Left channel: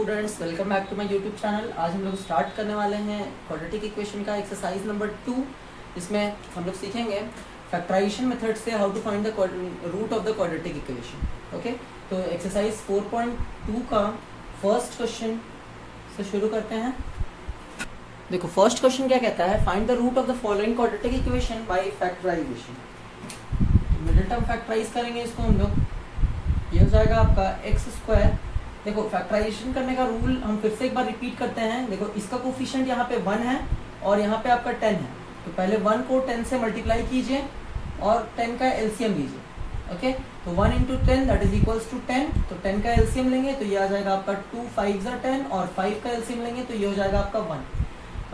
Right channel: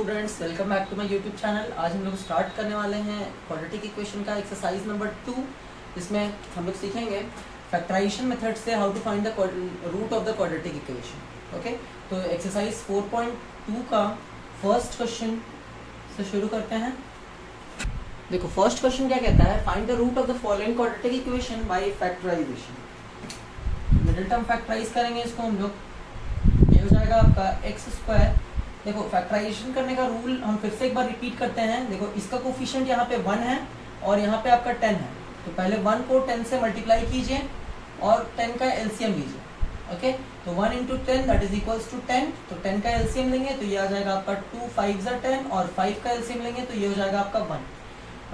Students, welcome back to my YouTube channel. आज हम लोग स्टार्ट करने वाले हैं क्वाड्रेटिक इक्वेशन का एक्सरसाइज नंबर 2। इसमें हम लोग सीखेंगे फैक्टराइजेशन मेथड से how to find the root of the quadratic equation. Okay, तो एक्सरसाइज 4.2 का फर्स्ट क्वेश्चन से शुरू करते हैं। देखो फर्स्ट क्वेश्चन क्या कहता है, find the root of the following quadratic equation by factorization. Middle term factorize करेंगे इसको हम लोग, ये हो जाएगा आपका एक्स स्क्वायर। देखो फैक्टराइजेशन करने का रूल हम फिर से एक बार रिपीट करते हैं। देखो इसका कोफिशिएंट यहाँ पे 1 है और यहाँ पे आपका 10 है, तो पहले 1 को 10 से मल्टीप्लाई कीजिए और 10 का एलसीएम लीजिए। ओके, तो 1 into 10 that is equals to 10। तो 10 का एलसीएम लेंगे तो ये आ जाएगा आपका 2 5 10 और 5 का एलसीएम लेंगे तो ये हो जाएगा आपका 1।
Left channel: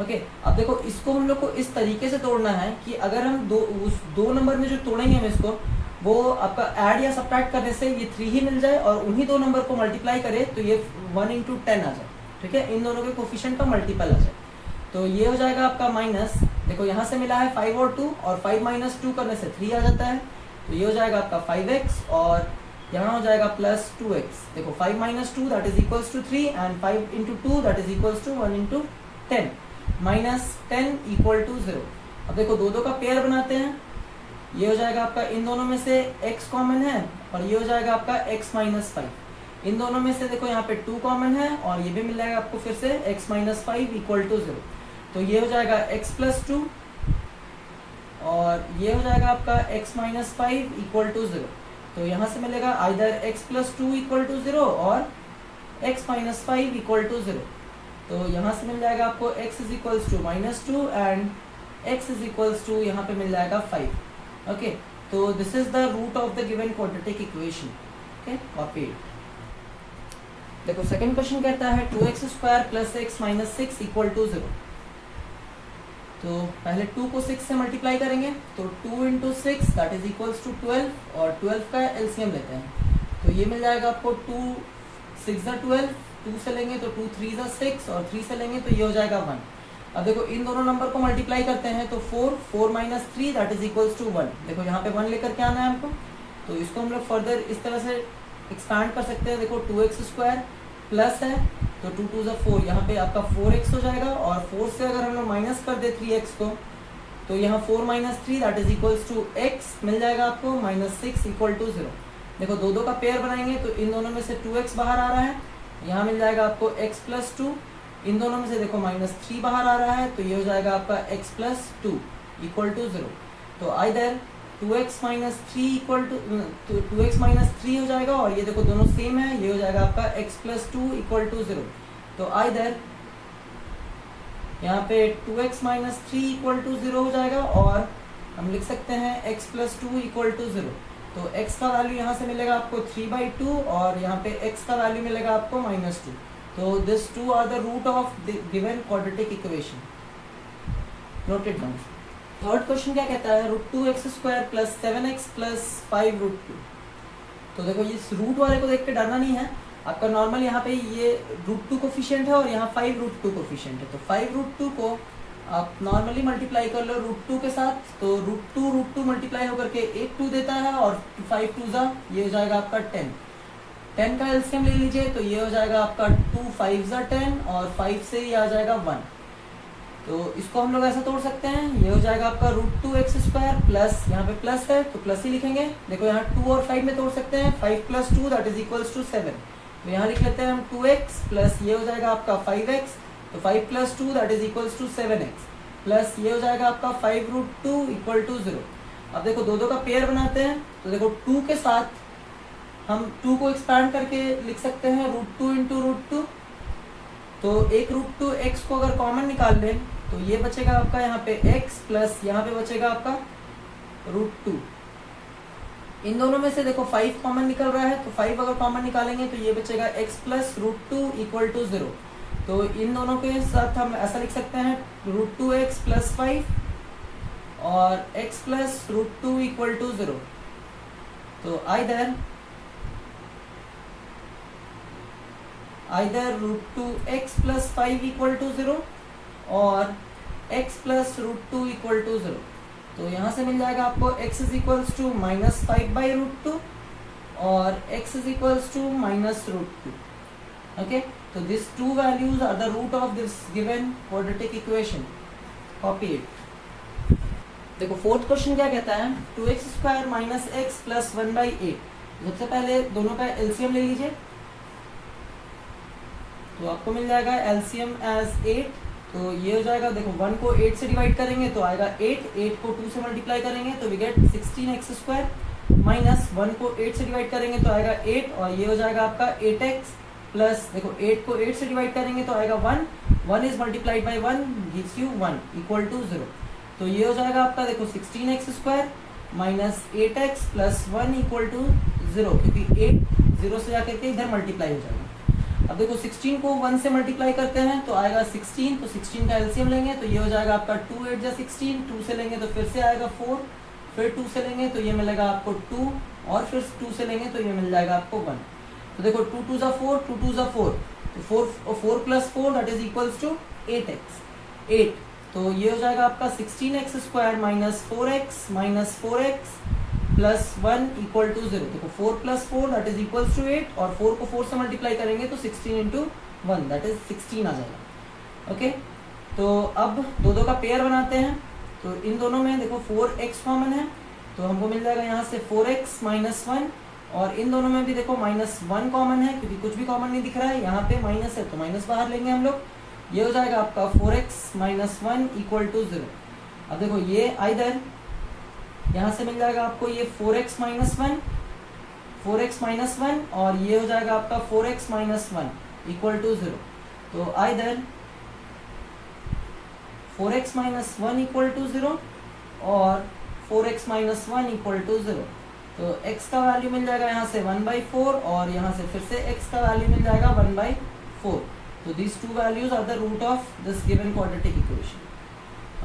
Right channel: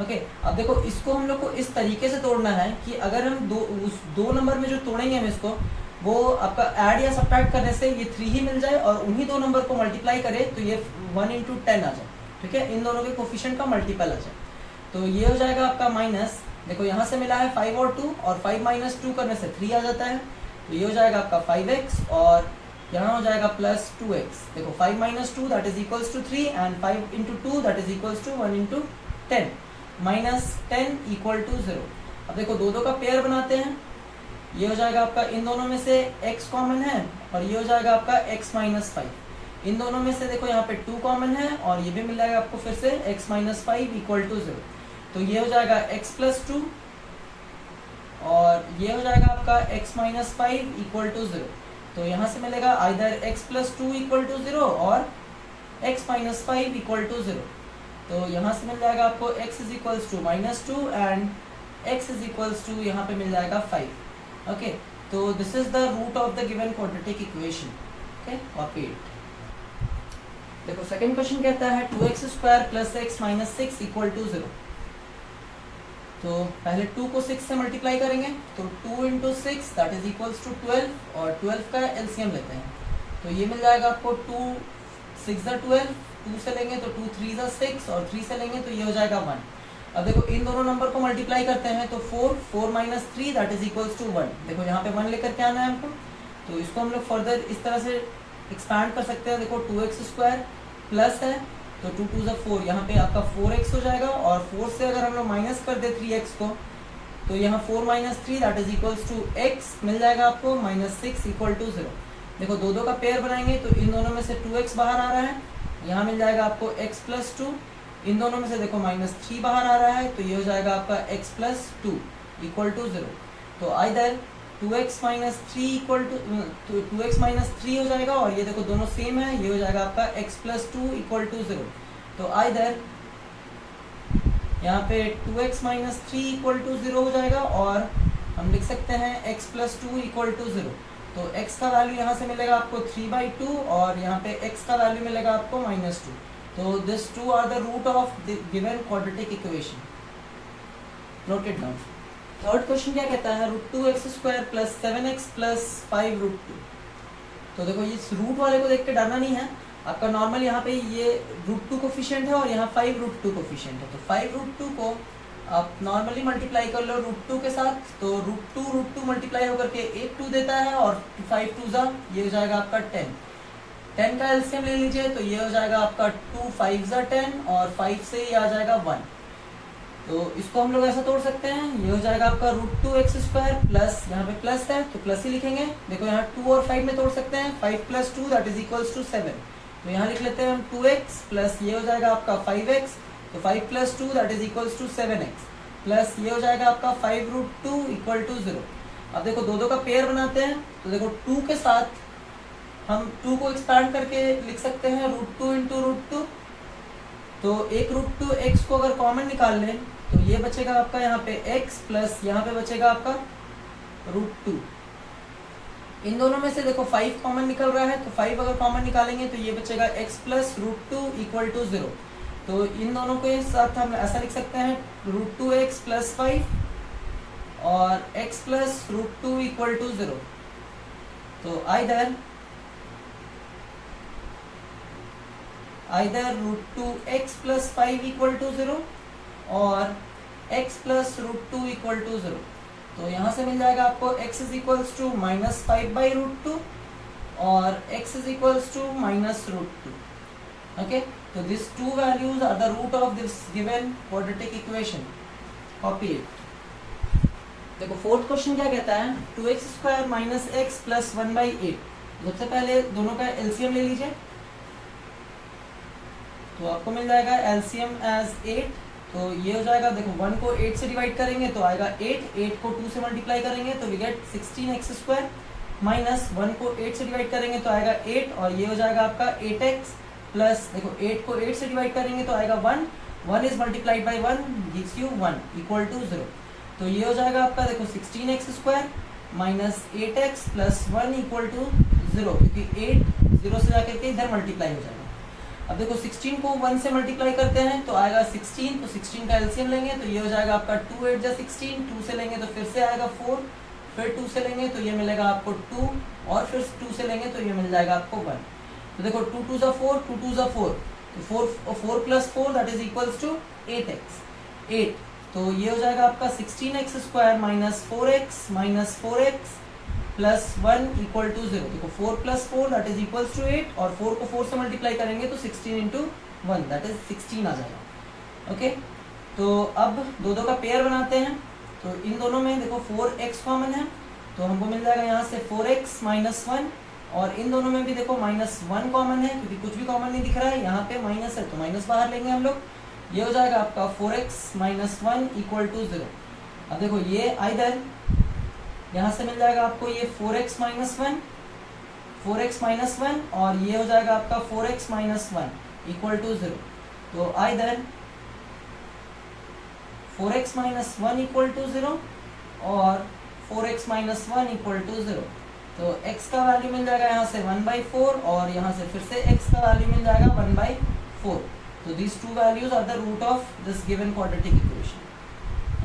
ओके, अब देखो इसको हम लोग को इस तरीके से तोड़ना है कि अगर हम उस दो नंबर में जो तोड़ेंगे हम इसको, वो आपका ऐड या सब्ट्रैक्ट करने से ये 3 ही मिल जाए और उन्हीं दो नंबर को मल्टीप्लाई करे तो ये 1 इंटू 10 आ जाए। ठीक है, इन दोनों के कोफिशिएंट का मल्टीपल आ जाए। तो ये हो जाएगा आपका माइनस, देखो यहाँ से मिला है 5 और 2 और 5 माइनस 2 करने से 3 आ जाता है, तो ये हो जाएगा आपका 5x और यहाँ हो जाएगा प्लस 2x। देखो 5 minus 2 that is equals to 3 and 5 into 2 that is equals to 1 into 10 minus 10 equal to 0। अब देखो दो का पेयर बनाते हैं, ये हो जाएगा आपका इन दोनों में से x कॉमन है और ये हो जाएगा आपका x माइनस 5। इन दोनों में से देखो यहाँ पे 2 कॉमन है और ये भी मिल जाएगा आपको फिर से x माइनस 5 इक्वल टू 0। तो ये हो जाएगा x प्लस 2 और ये हो जाएगा आपका x माइनस 5 इक्वल टू 0। तो यहाँ से मिलेगा either x plus 2 equal to 0 और x माइनस 5 इक्वल टू 0। तो यहाँ से मिल जाएगा आपको x is equals to minus 2 and x is equals to यहाँ पे मिल जाएगा 5। ओके, तो this is the root of the given quadratic equation. Okay, copy it. देखो सेकंड क्वेश्चन कहता है 2x square plus x minus 6 equal to 0। तो पहले 2 को 6 से मल्टीप्लाई करेंगे तो 2 into 6 that is equals to 12 और 12 का एलसीएम लेते हैं तो ये मिल जाएगा आपको 2 6 12, 2 से लेंगे तो 2 3 6 और 3 से लेंगे तो ये हो जाएगा 1। अब देखो इन दोनों नंबर को मल्टीप्लाई करते हैं तो 4 minus 3 that is equals to 1। देखो यहाँ पे 1 लेकर के आना है हमको, तो इसको हम लोग फर्दर इस तरह से एक्सपैंड कर सकते हैं। देखो 2x स्क्वायर प्लस है तो 2 2 4, यहाँ पे आपका 4x हो जाएगा और 4 से अगर हम लोग माइनस कर दे 3x को तो यहाँ 4 minus 3 that is equals to x मिल जाएगा आपको माइनस 6 इक्वल टू 0। देखो दो का पेयर बनाएंगे तो इन दोनों में से 2x बाहर आ रहा है, यहाँ मिल जाएगा आपको x प्लस 2। इन दोनों में से देखो माइनस 3 बाहर आ रहा है तो ये हो जाएगा आपका x प्लस 2 इक्वल टू 0। तो either 2x minus 3 equal to 2x minus 3 हो जाएगा और ये देखो दोनों सेम है, ये हो जाएगा आपका x प्लस 2 इक्वल टू 0। तो आइदर यहाँ पे 2x माइनस 3 इक्वल टू 0 हो जाएगा और हम लिख सकते हैं x प्लस 2 इक्वल टू 0। तो x का वैल्यू यहाँ से मिलेगा आपको 3/2 और यहाँ पे x का वैल्यू मिलेगा आपको minus 2। So this two are the root of the given quadratic equation. Note it down. Third question क्या कहता है, √2x square plus 7x plus 5√2। तो देखो इस रूट वाले को देख के डरना नहीं है, आपका नॉर्मल यहाँ पे ये √2 कोफिशिएंट है और यहाँ 5√2 कोफिशिएंट है। तो 5√2 को आप नॉर्मली मल्टीप्लाई कर लो √2 के साथ, तो √2 मल्टीप्लाई होकर के एक 2 देता है और 5 2 ये हो जाएगा आपका 10 का एलसीएम ले लीजिए तो ये हो जाएगा आपका 2 5 10 और 5 से ये आ जाएगा 1। तो इसको हम लोग ऐसा तोड़ सकते हैं, ये हो जाएगा आपका √2x स्क्वायर प्लस यहाँ पे प्लस है तो प्लस ही लिखेंगे। देखो यहाँ 2 और 5 में तोड़ सकते हैं, 5 plus 2 that is equals to 7। तो यहाँ लिख लेते हैं हम 2x प्लस ये हो जाएगा आपका 5x, तो 5 plus 2 that is equals to 7x plus ये हो जाएगा आपका 5√2 इक्वल टू 0। अब देखो दो का पेयर बनाते हैं तो देखो 2 के साथ हम 2 को एक्सपैंड करके लिख सकते हैं √2 इंटू √2। तो एक √2 x को अगर कॉमन निकाल लें तो ये बचेगा आपका यहाँ पे x प्लस यहाँ पे बचेगा आपका √2। इन दोनों में से देखो 5 कॉमन निकल रहा है तो 5 अगर कॉमन निकालेंगे तो ये बचेगा x प्लस √2 इक्वल टू 0। तो इन दोनों के साथ हम ऐसा लिख सकते हैं √2x प्लस 5 और x प्लस √2 इक्वल टू 0। तो either √2x plus 5 equal to 0 और x plus √2 equal to 0। तो यहाँ से मिल जाएगा आपको x is equals to minus 5/√2 और x is equals to minus √2। Okay, तो this two values are the root of this given quadratic equation. Copy it. देखो fourth question क्या कहता है, 2x² माइनस एक्स प्लस 1/8। सबसे पहले दोनों का एलसीएम ले लीजिए, तो आपको मिल जाएगा एलसीएम एज 8। तो ये हो जाएगा, देखो 1 को 8 से डिवाइड करेंगे तो आएगा 8 को 2 से मल्टीप्लाई करेंगे तो वी गेट 16x² माइनस 1 को 8 से डिवाइड करेंगे तो आएगा 8, और ये हो जाएगा आपका 8x प्लस, देखो 8 को 8 से डिवाइड करेंगे तो आएगा 1 is multiplied by 1 gives you 1 equal to 0। तो ये हो जाएगा आपका, देखो 16x² minus 8x plus 1 equal to 0, क्योंकि 8 0 से जाकर के इधर मल्टीप्लाई हो जाएगा। अब देखो 16 को 1 से मल्टीप्लाई करते हैं तो आएगा 16, तो 16 का एलसीएम लेंगे तो ये हो जाएगा आपका 2 8 जा 16, 2 से लेंगे तो फिर से आएगा 4, फिर 2 से लेंगे तो ये मिलेगा आपको 2, और फिर 2 से लेंगे तो ये मिल जाएगा आपको 1। तो देखो 2 2 जा 4, 2 2 जा 4, तो 4 plus 4 that is equals to 8x। तो ये हो जाएगा आपका 16x² minus 4x plus 1 equal to 0। देखो 4 plus 4 that is equals to 8, और 4 को 4 से मल्टीप्लाई करेंगे तो 16 इंटू 1 दैट इज 16 आ जाएगा। ओके, तो अब दो का पेयर बनाते हैं। तो इन दोनों में देखो 4x कॉमन है, तो हमको मिल जाएगा यहाँ से 4x माइनस 1, और इन दोनों में भी देखो -1 कॉमन है, क्योंकि कुछ भी कॉमन नहीं दिख रहा है, यहाँ पे माइनस है तो माइनस बाहर लेंगे हम लोग। ये हो जाएगा आपका 4x माइनस 1 इक्वल टू 0। अब देखो ये आइदर यहाँ से मिल जाएगा आपको ये 4x माइनस 1, और ये हो जाएगा आपका 4x माइनस 1 इक्वल टू 0। तो either 4x minus 1 equal to 0 और 4x माइनस 1 इक्वल टू 0। तो x का वैल्यू मिल जाएगा यहाँ से 1/4, और यहाँ से फिर से x का वैल्यू मिल जाएगा 1/4। तो these two values are the root of this given quadratic equation.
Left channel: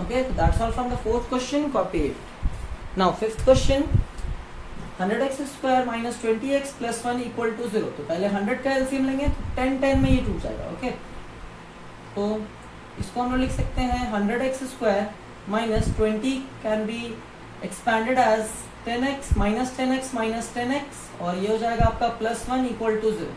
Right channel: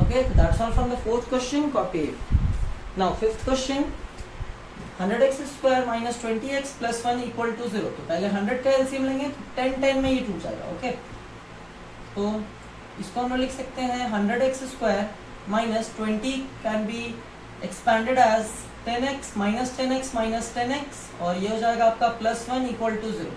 Okay, so that's all from the fourth question. Copy it. Now fifth question, 100x² minus 20x plus 1 equal to 0। तो पहले 100 का LCM लेंगे तो 10 में ये टूट जाएगा। Okay, तो इसको हम लोग लिख सकते हैं 100x² minus 20 can be expanded as 10x minus 10x minus 10x, और ये हो जाएगा आपका प्लस 1 इक्वल टू 0।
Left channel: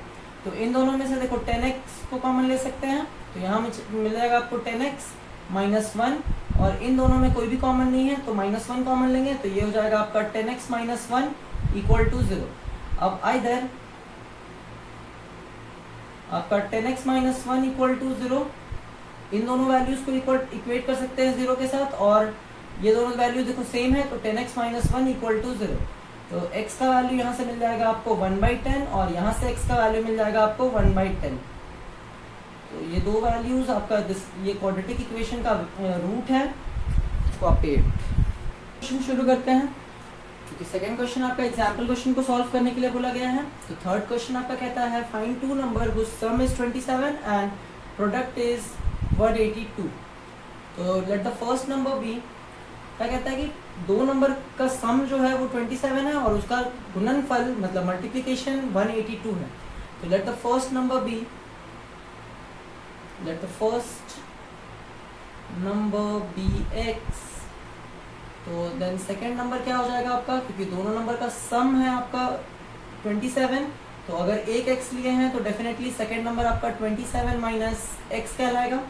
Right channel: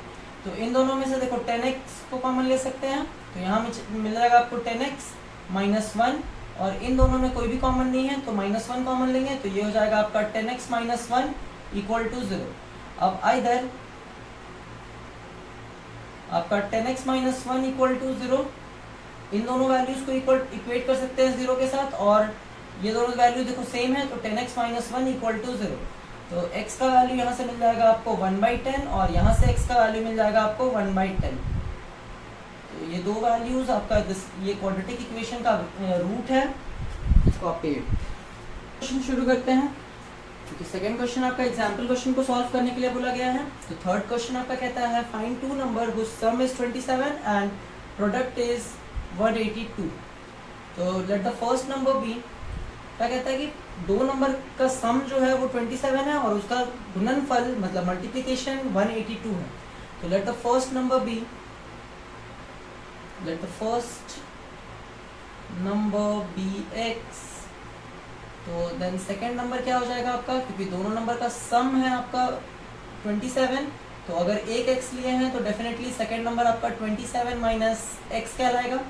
तो इन दोनों में से देखो 10x को कॉमन ले सकते हैं, तो यहाँ मिल जाएगा आपको 10x माइनस 1, और इन दोनों में कोई भी कॉमन नहीं है तो -1 कॉमन लेंगे तो ये हो जाएगा आपका 10x माइनस 1 इक्वल टू 0। अब आइदर आपका 10x माइनस 1 इक्वल टू 0, इन दोनों वैल्यूज को इक्वेट कर सकते हैं 0 के साथ, और ये दोनों वैल्यू देखो सेम है तो 10x माइनस 1 इक्वल टू 0। तो x का वैल्यू यहाँ से मिल जाएगा आपको 1/10, और यहाँ से x का वैल्यू मिल जाएगा आपको 1/10। तो ये दो वैल्यूज आपका ये क्वाड्रेटिक इक्वेशन का रूट है। इसको आप क्वेश्चन शुरू करते हैं, क्योंकि सेकंड क्वेश्चन आपका एग्जाम्पल क्वेश्चन को सॉल्व करने के लिए बोला गया है। तो थर्ड क्वेश्चन आपका कहता है find two number whose sum is 27 and product is 182। तो let the first number be, क्या कहता है कि दो नंबर का सम जो है वो 27 है और उसका गुणनफल मतलब मल्टीप्लिकेशन 182 है। तो let the first number be, let the first number be x। तो देन सेकेंड नंबर क्या हो जाएगा आपका, क्योंकि दोनों नंबर का सम है आपका 27, तो अगर एक x लिए हैं तो डेफिनेटली सेकेंड नंबर आपका 27 माइनस x कहलाएगा।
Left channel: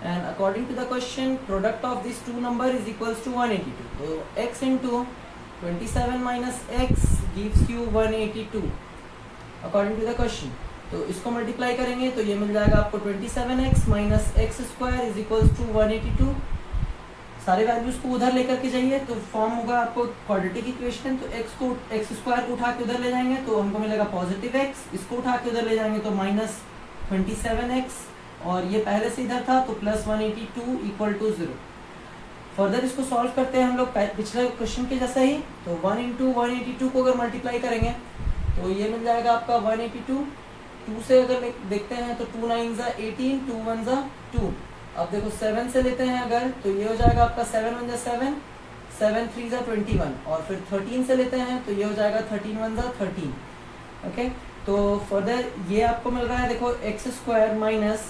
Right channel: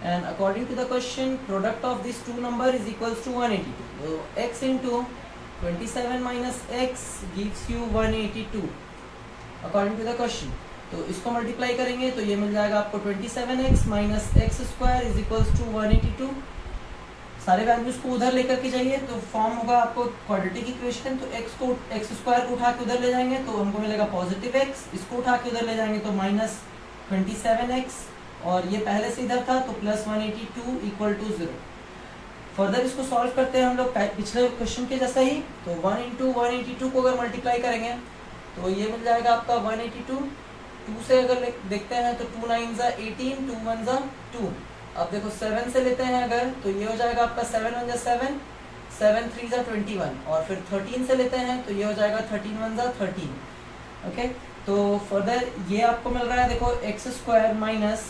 And according to the question, product of these two number is equals to 182. So x into 27 minus x gives you 182 according to the question. तो इसको मल्टीप्लाई करेंगे तो ये मिल जाएगा आपको 27x minus x square is equals to 182। सारे values को उधर लेकर के जाइए तो फॉर्म होगा आपको क्वाड्रेटिक इक्वेशन। तो एक्स स्क्वायर को उठा के उधर ले जाएंगे तो हमको मिलेगा पॉजिटिव एक्स, इसको उठा के उधर ले जाएंगे तो माइनस 27x, और ये पहले से इधर था तो प्लस 182 इक्वल टू 0। फर्दर इसको सॉल्व करते हैं हम लोग पिछले क्वेश्चन के जैसा ही। तो 1 इंटू 182 को अगर मल्टीप्लाई करेंगे तो ये मिल जाएगा आपका 182। 2 से अगर देखते हैं तो 2 9 जा 18, 2 1 जा 2। अब देखो 7 से लेते हैं अगर तो ये हो जाएगा आपका 7 1 जा 7, 7 3 जा 21, और फिर 13 से लेते हैं तो ये हो जाएगा 13 1 जा 13। ओके, तो फर्दर ये आपको मिल रहा है देखो एक्स स्क्वायर माइनस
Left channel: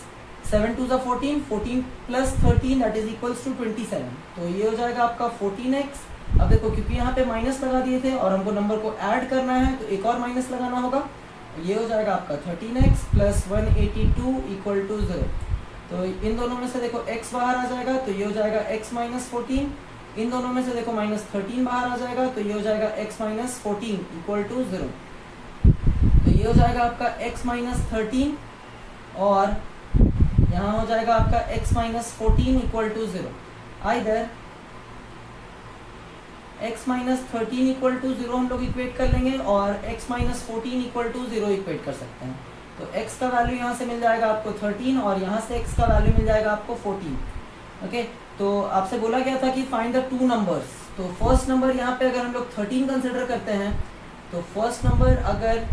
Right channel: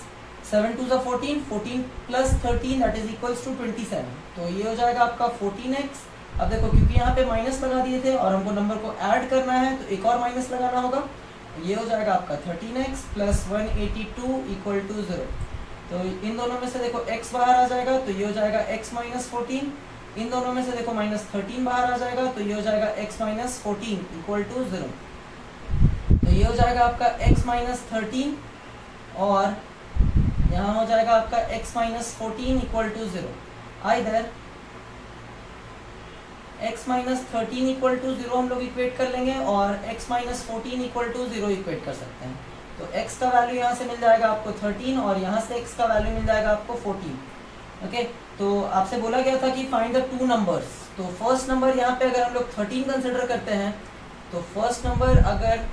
7 2 जा 14, 14 plus 13 that is equals to 27। तो ये हो जाएगा आपका 14x। अब देखो क्योंकि यहाँ पे माइनस लगा दिए थे और हमको नंबर को ऐड करना है तो एक और माइनस लगाना होगा। ये हो जाएगा आपका 13x प्लस 182 इक्वल टू 0। तो इन दोनों में से देखो x बाहर आ जाएगा तो ये हो जाएगा x माइनस 14। इन दोनों में से देखो माइनस 13 बाहर आ जाएगा तो ये हो जाएगा x माइनस 14 इक्वल टू 0। तो ये हो जाएगा आपका x माइनस 13 और यहाँ हो जाएगा आपका x minus 14 equal to 0। Either x minus 13 equal to 0 हम लोग इक्वेट कर लेंगे और x minus 14 equal to 0 equate कर सकते हैं। तो x का वैल्यू यहाँ से मिल जाएगा आपको 13 और यहाँ से x का वैल्यू मिल जाएगा आपको 14। ओके, तो आपसे बोला गया था कि फाइंड द टू नंबर्स। तो फर्स्ट नंबर यहाँ पे अगर हम लोग 13 कंसिडर करते हैं तो फर्स्ट नंबर अगर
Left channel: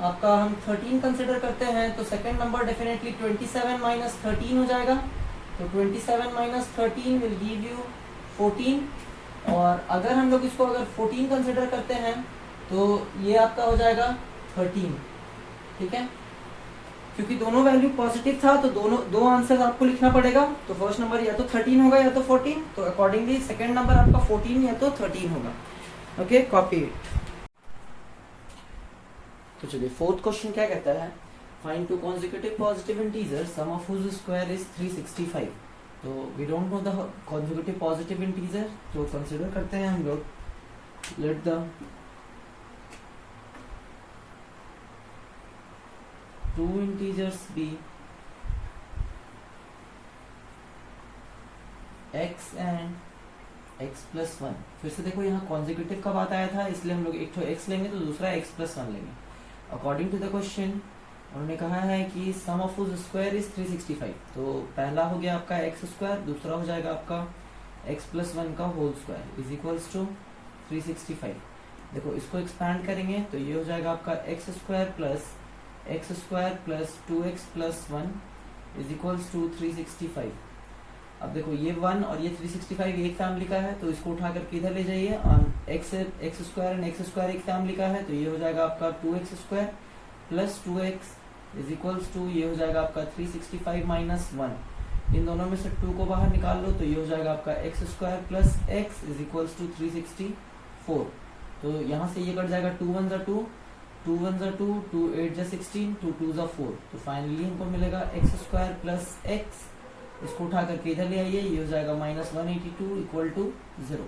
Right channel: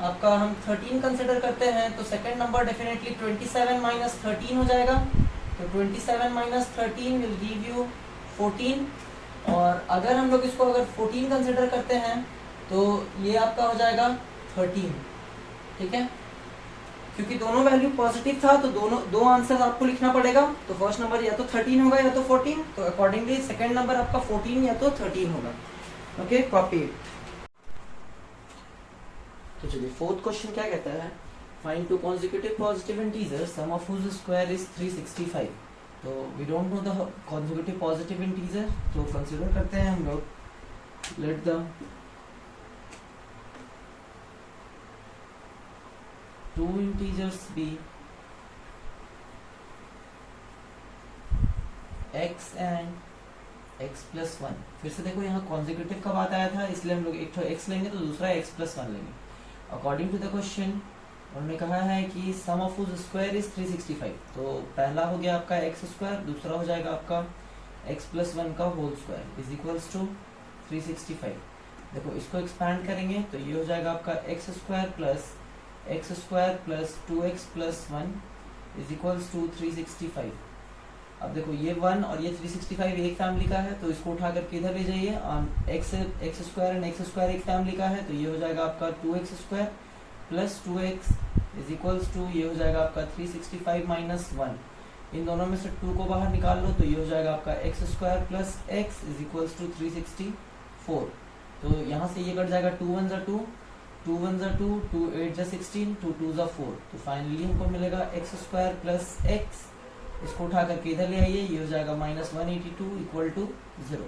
आपका हम 13 कंसिडर करते हैं तो सेकंड नंबर डेफिनेटली 27 माइनस 13 हो जाएगा। तो 27 माइनस 13 विल गिव यू 14। और अगर हम लोग इसको अगर 14 कंसिडर करते हैं तो ये आपका हो जाएगा 13। ठीक है, क्योंकि दोनों वैल्यू पॉजिटिव था तो दो आंसर आपको लिखना पड़ेगा। तो फर्स्ट नंबर या तो 13 होगा या तो 14। तो अकॉर्डिंगली सेकंड नंबर आपका 14 या तो 13 होगा। Okay, copy it. तो चलिए फोर्थ क्वेश्चन क्या कहता है, find two consecutive positive integers sum of whose square is 365। तो we don't know the consecutive positive integer, तो कंसीडर करते हैं हम लोग। Let the two integers be x and x plus 1। फिर से देखो यहाँ कॉन्जिक्यूटिव का बात आया था, इसलिए हम लोग एक तो x लेंगे तो दूसरा x प्लस 1 लेंगे। अकॉर्डिंग टू द क्वेश्चन उन्होंने कहा है कि सम ऑफ हुज स्क्वायर इज 365। तो पहला हो गया आपका x स्क्वायर, दूसरा हो जाएगा आपका x प्लस 1 का whole square is equals to 365। देखो इसको एक्सपैंड करेंगे तो ये हो जाएगा आपका x square plus 2x plus 1 is equals to 365। अब देखो ये 1 और ये 365 एक फैमिली का है तो इसको उठा करके इधर ले जाइए। और x square and x square एक फैमिली का है तो ये हो जाएगा आपका 2x square plus 2x is equals to ये हो जाएगा आपका 365 माइनस 1। इन दोनों में से 2 को बाहर निकाल लो तो ये हो जाएगा आपका x square plus x is equals to 364। तो यहाँ से ये कट जाएगा 2 1 2 2 1 2 2 8 16 2 2 4। तो फाइनली हमको मिलेगा x स्क्वायर प्लस x, इसको उठा करके इधर ले आइए, ये हो जाएगा माइनस 182 इक्वल टू 0।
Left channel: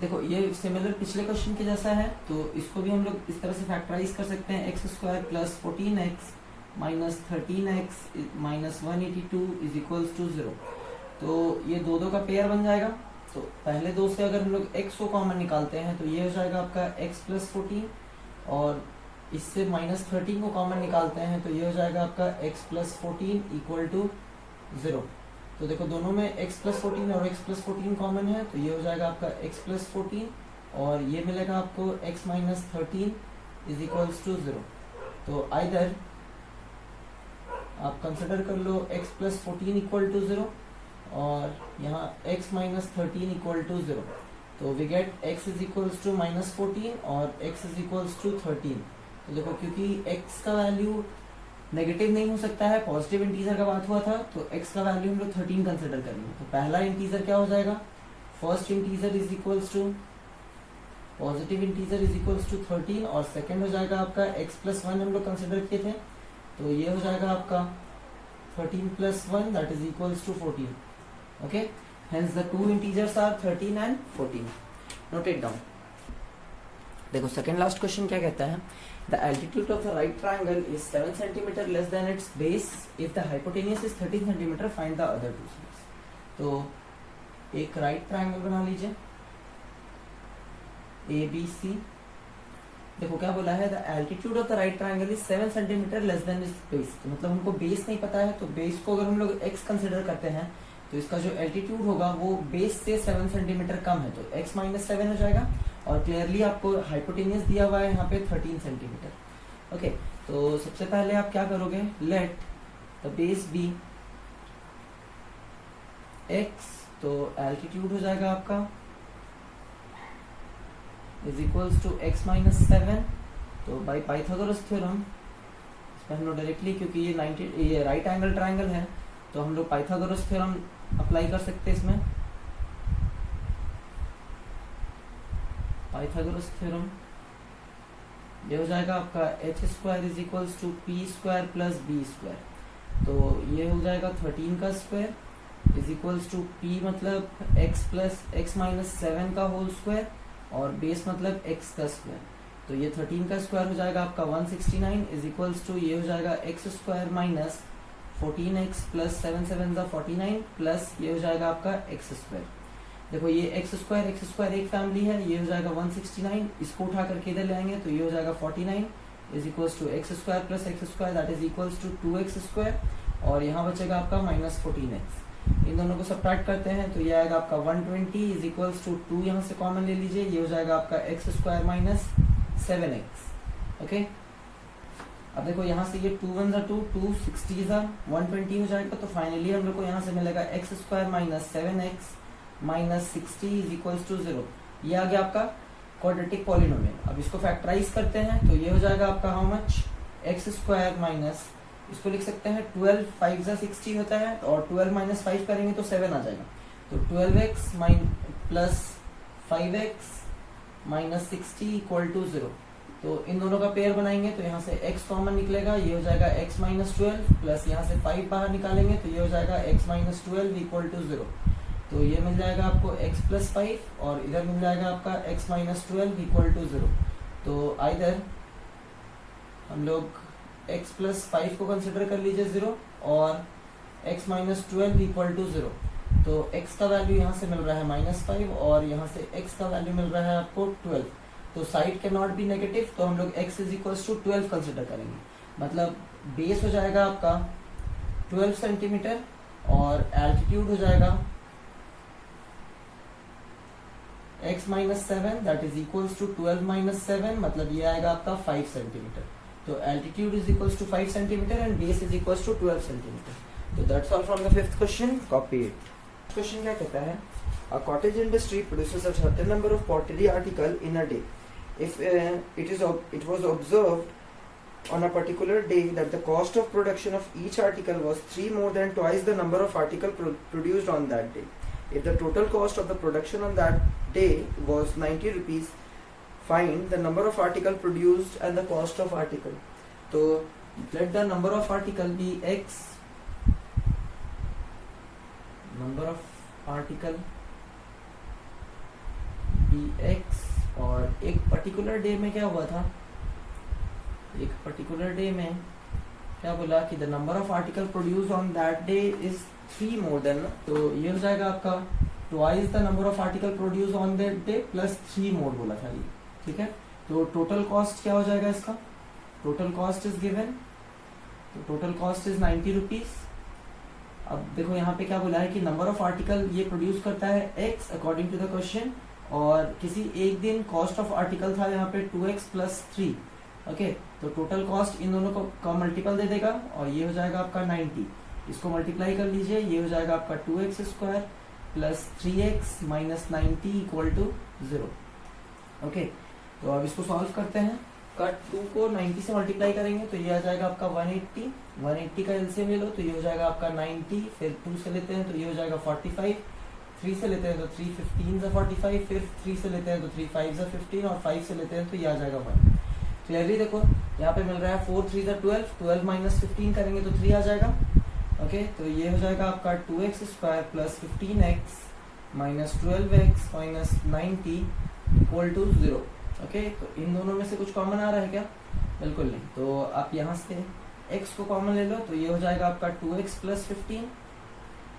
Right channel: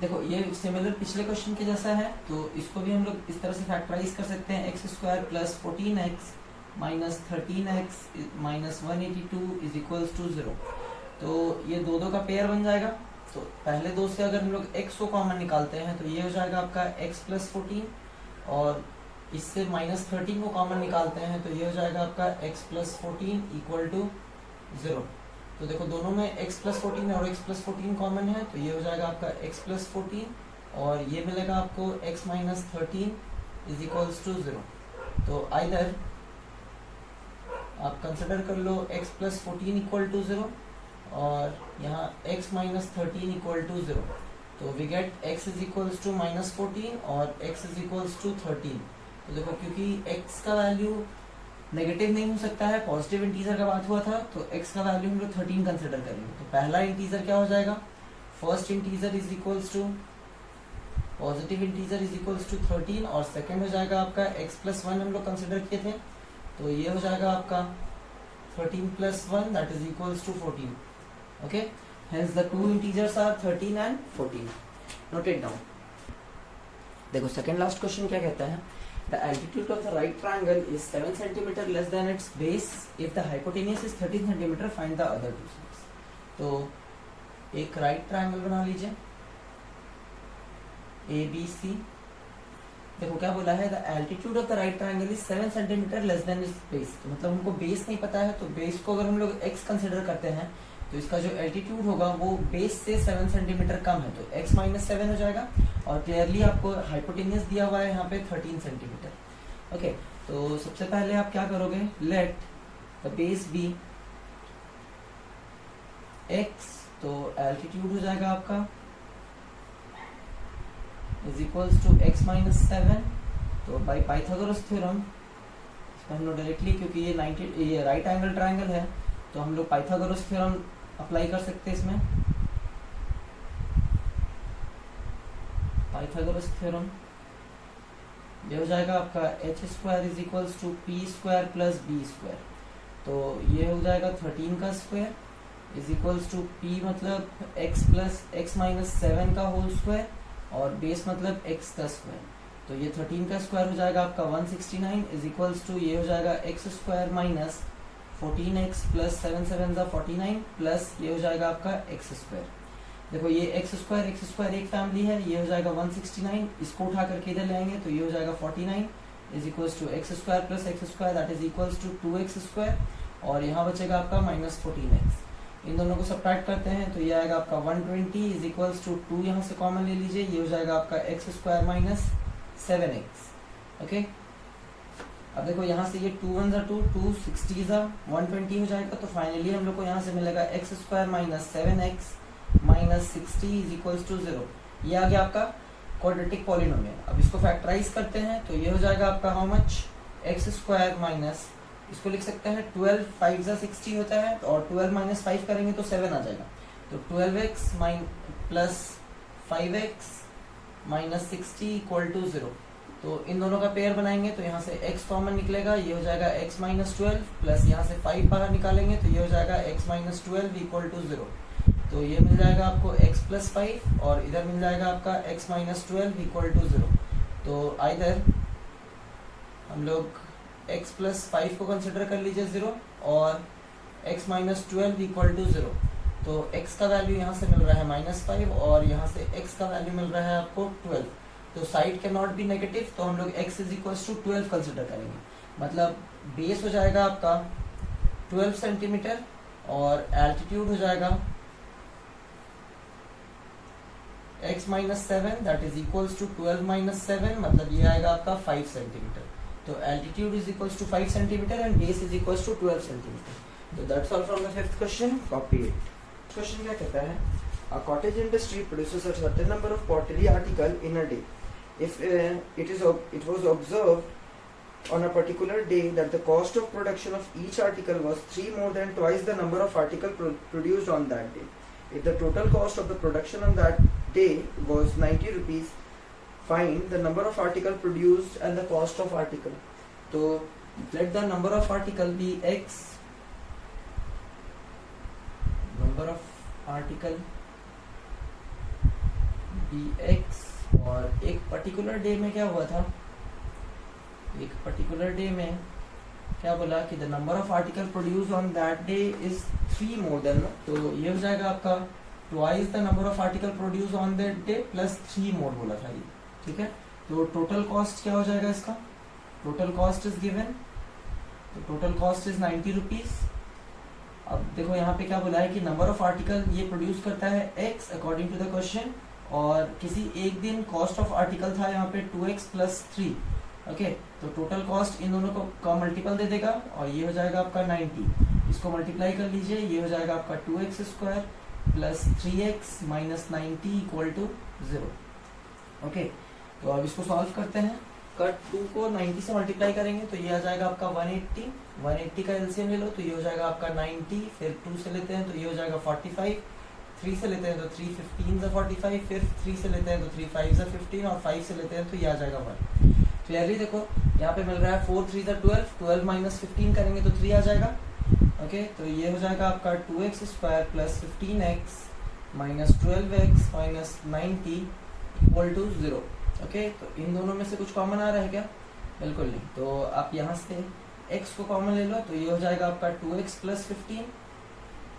देखो ये सिमिलर पिछले क्वेश्चन के जैसा है तो इसको भी हम लोग इस तरह से फैक्टराइज कर सकते हैं। x square plus 14x minus 13x minus 182 is equals to 0। तो ये दो का पेयर बन जाएगा। तो पहले दो से अगर हम लोग x को कॉमन निकालते हैं तो ये हो जाएगा आपका x प्लस 14 और इससे माइनस 13 को कॉमन निकालते हैं तो ये हो जाएगा आपका x प्लस 14 इक्वल टू 0। तो देखो दोनों में x प्लस 14 और x प्लस 14 कॉमन है तो ये हो जाएगा आपका x प्लस 14 और ये मिलेगा आपको x minus 13 is equals to 0। तो आइदर आप कंसिडर कर लो x प्लस 14 इक्वल टू 0 और यहाँ x माइनस 13 इक्वल टू 0। तो we get x is equals to minus 14 और x इज इक्वल्स टू 13। तो देखो क्योंकि x का वैल्यू नेगेटिव नहीं हो सकता है, पॉजिटिव इंटीजर का बात हुआ था तो x का वैल्यू हम लोग 13 कंसिडर करेंगे। तो पहला इंटीजर क्या हो जाएगा, first integer is equals to positive integer is equals to 13 और सेकंड हो जाएगा आपका x प्लस 1 हम लोग कंसिडर किए थे तो ये हो जाएगा आपका 13 plus 1 that is equals to 14। Okay, hence the two integers are 13 and 14। Note it down. देखो सेकंड लास्ट क्वेश्चन क्या कहता है, the altitude of the right triangle is 7 cm less than its base if the hypotenuse is 13 cm, find the other two sides। तो एक right triangle बना लीजिए ABC। देखो क्या बोला है, the altitude of the right triangle is 7 cm less than its base। तो मतलब हमको बेस नहीं पता है तो बेस को अगर हम लोग x कंसिडर करते हैं तो इसका जो एल्टीट्यूड होगा वो बेस से 7 सेंटीमीटर कम है तो x माइनस 7 हो जाएगा। और क्लियरली आपको हाइपोटेन्यूज दिया हुआ है यहाँ पे 13 सेंटीमीटर। ओके, तो सबसे पहले आप क्या करोगे, let the base be x, तो एल्टीट्यूड हो जाएगा आपका is equals to x minus 7। तो बाय पाइथागोरस थ्योरम हम लोग डायरेक्टली, क्योंकि ये राइट एंगल ट्रायंगल है तो हम लोग पाइथागोरस थ्योरम अप्लाई कर सकते हैं इसमें। पाइथागोरस थ्योरम ये हो जाएगा आपका H square is equals to P square plus B square, तो ये हो जाएगा 13 का square is equals to P मतलब एक्स प्लस एक्स माइनस 7 का होल स्क्वायर और बेस मतलब एक्स का स्क्वायर, तो ये 13 का स्क्वायर हो जाएगा आपका 169 इज इक्वल्स टू ये हो जाएगा x square minus 14x plus 7 7 49 plus ये हो जाएगा आपका एक्स स्क्वायर। देखो ये एक्स स्क्वायर एक फैमिली है, ये हो जाएगा 169, इसको उठा करके इधर ले आएंगे तो ये हो जाएगा 49 is equals to x square plus x square that is equals to 2x square और यहाँ बचेगा आपका माइनस 14x। इन दोनों को सब्ट्रैक्ट करते हैं तो ये आएगा आपका 120 इज इक्वल्स टू 2 यहाँ से कॉमन ले लीजिए, ये हो जाएगा आपका x square minus 7x। Okay, अब देखो यहाँ से ये 2 1 2 2 60 120 हो जाएगा, तो फाइनली हम लोग को यहाँ से मिलेगा x square minus 7x minus 60 is equals to 0। ये आ गया आपका क्वाड्रेटिक पॉलिनोमियल। अब इसको फैक्टराइज करते हैं तो ये हो जाएगा आपका how much, x square minus, इसको लिख सकते हैं 12 5 60 होता है और 12 माइनस 5 करेंगे तो 7 आ जाएगा, तो 12x plus 5x minus 60 equal to 0। तो इन दोनों का पेयर बनाएंगे तो यहाँ से x कॉमन निकलेगा, ये हो जाएगा x माइनस 12 प्लस यहाँ से 5 बाहर निकालेंगे तो ये हो जाएगा x माइनस 12 इक्वल टू 0। तो ये मिल जाएगा आपको x प्लस 5 और इधर मिल जाएगा आपका x माइनस 12 इक्वल टू 0। तो आइदर हम लोग x प्लस 5 को कंसिडर कर लीजिए 0 और x माइनस 12 इक्वल टू 0। तो x का वैल्यू यहाँ से मिल रहा है माइनस 5 और यहाँ से x का वैल्यू मिल रहा है आपको 12। तो side can not be negative, तो हम लोग x is equal to 12 consider करेंगे, मतलब बेस हो जाएगा आपका 12 सेंटीमीटर और एल्टीट्यूड हो जाएगा x minus 7 that is equals to 12 minus 7, मतलब ये आएगा आपका 5 सेंटीमीटर। तो altitude is equals to 5 centimetre and base is equals to 12 centimetre. तो that's all from the fifth question, copy it. Question क्या कहता है, a cottage industry produces a certain number of pottery article in a day. If it was observed on a particular day that the cost of production of each article was 3 more than twice the number of article produced on that day. If the total cost of the production on that day was 90 rupees, find the number of article produced and the cost of article. So let the number of article be x, number of article be x, और एक particular day में क्या हुआ था, एक particular day में क्या बोला कि the number of article produce on that day is 3 more than, तो ये हो जाएगा आपका twice the number of article produce on that debt plus 3 मोर बोला था ये, ठीक है। तो टोटल कॉस्ट क्या हो जाएगा इसका, टोटल कॉस्ट इज गिवन, तो टोटल कॉस्ट इज 90 रुपीज। अब देखो यहाँ पे क्या बोला है कि नंबर ऑफ आर्टिकल ये प्रोड्यूस करता है x according to the question, और किसी एक दिन कॉस्ट ऑफ आर्टिकल था यहाँ पे 2x प्लस 3। ओके, तो टोटल कॉस्ट इन दोनों को मल्टीपल दे देगा और ये हो जाएगा आपका 90, इसको मल्टीप्लाई कर लीजिए, ये हो जाएगा आपका 2x square plus 3x minus 90 equal to 0। Okay, तो अब इसको सॉल्व करते हैं। कट 2 को 90 से मल्टीप्लाई करेंगे तो ये आ जाएगा आपका 180 का एलसीएम ले लो तो ये हो जाएगा आपका 90, फिर 2 से लेते हैं तो ये हो जाएगा 45, 3 से लेते हैं तो 3 15 से 45, फिर 3 से लेते हैं तो 3 5 से 15 और 5 से लेते हैं तो ये आ जाएगा 1। क्लियरली देखो यहाँ पे मिल रहा है 4 3 12, 12 माइनस 15 करेंगे तो 3 आ जाएगा। ओके, तो ये हो जाएगा आपका 2x square plus 15x minus 12x minus 90 equal to 0। Okay, तो इन दोनों में से कुछ कॉमन आ रहा है क्या, बिल्कुल नहीं, तो आप यहाँ से x को कॉमन ले लो तो ये हो जाएगा आपका 2x प्लस 15,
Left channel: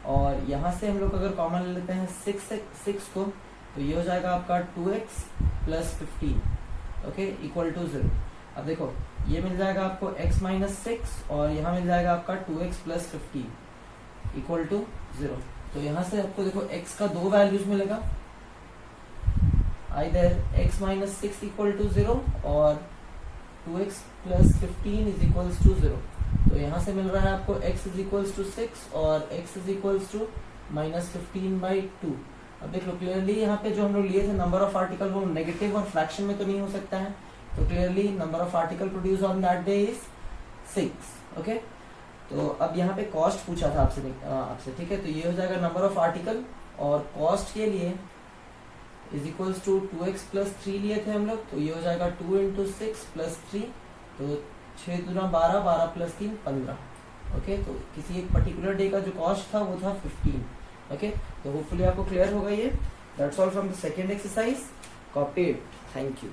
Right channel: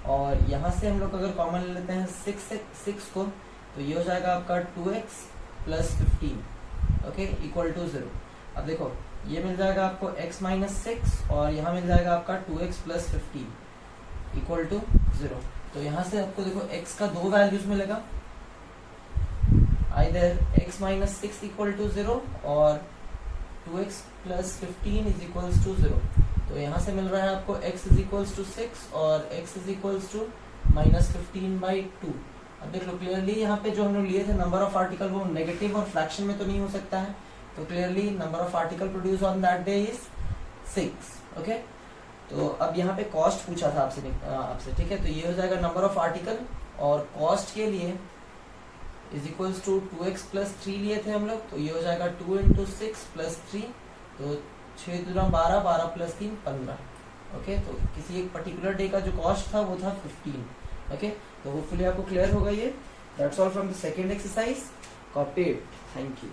और यहाँ से हम लोग अगर कॉमन ले लेते हैं 6 को तो ये हो जाएगा आपका 2x plus 15 okay equal to 0। अब देखो ये मिल जाएगा आपको x माइनस 6 और यहाँ मिल जाएगा आपका 2x प्लस 15 इक्वल टू 0। तो यहाँ से आपको देखो x का 2 वैल्यूज मिलेगा, either x minus 6 equal to 0 और 2x plus 15 is equals to 0। तो यहाँ से मिल रहा है आपको x इज इक्वल्स टू 6 और x is equals to minus 15/2। अब देख लो क्लियरली यहाँ पे जो हम लोग लिए थे नंबर ऑफ आर्टिकल वो नेगेटिव और फ्रैक्शन में तो नहीं हो सकता है, तो clearly number of article produce on that day is 6। Okay, तो अब यहाँ पे कॉस्ट पूछा था आपसे, ठीक है, तो ये हो जाएगा नंबर ऑफ आर्टिकल और कॉस्ट के लिए is equals to 2x plus 3 लिए थे हम लोग, तो ये हो जाएगा 2 इंटू 6 प्लस 3, तो 6 दूना 12, 12 प्लस 3 15। ओके, तो किसी एक पर्टिकुलर डे का जो कॉस्ट था वो था 15। ओके, तो होपफुली आपको क्लियर होगा ये। That's all from the second exercise, copy it. Thank you.